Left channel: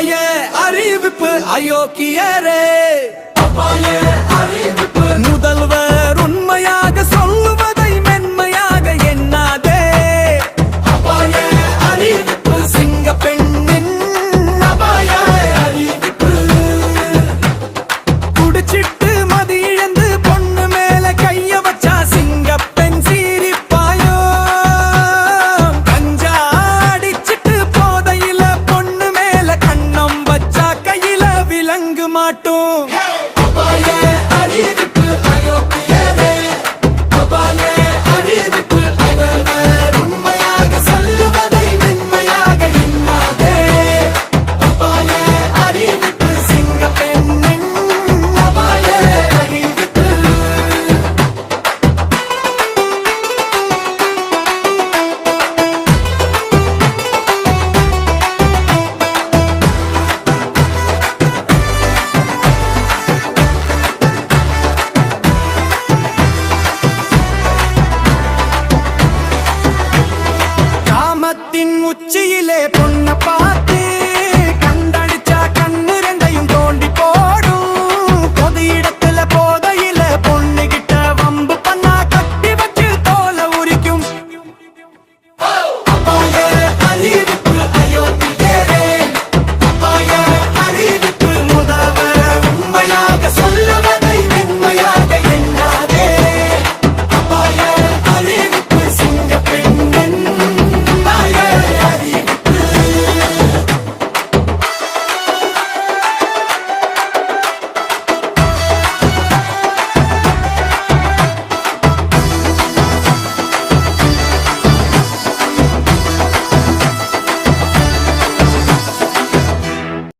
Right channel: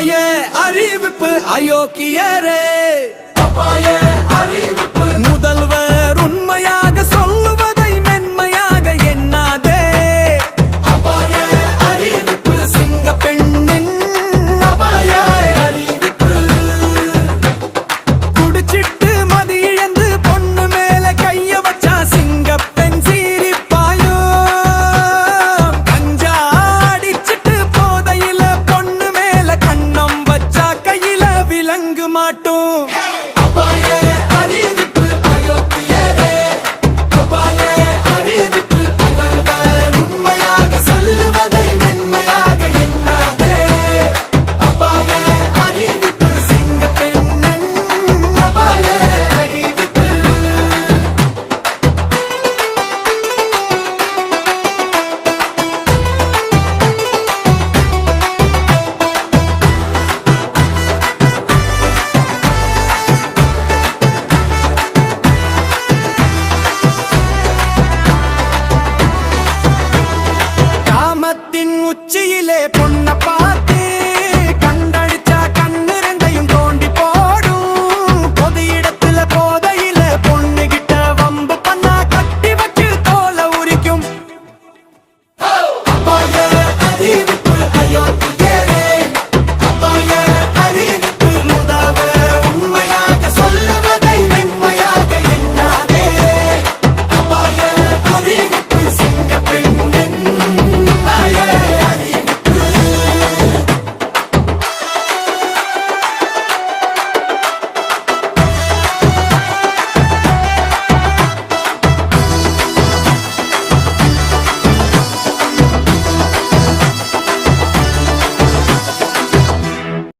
அபாய அறிவிப்பு அயோக்கியரே, முதல்வர் உண்மையாக சொல்லுவதை மென்மையாக எண்ணாதே. சிங்க பெண்ணின் அபாய அறிவிப்பு. குடிச்சிட்டு மதி இழந்து பொண்ணு மேல கைய வச்சா சிங்க பெண் சீரிப்பாயோ. கஞ்சா அடிச்சிட்டு போதையில பொண்ணு மேல கண்ணம் வச்சா கையில விலங்கு மாட்டோம். உச்சியிலே பொண்ண பார்த்து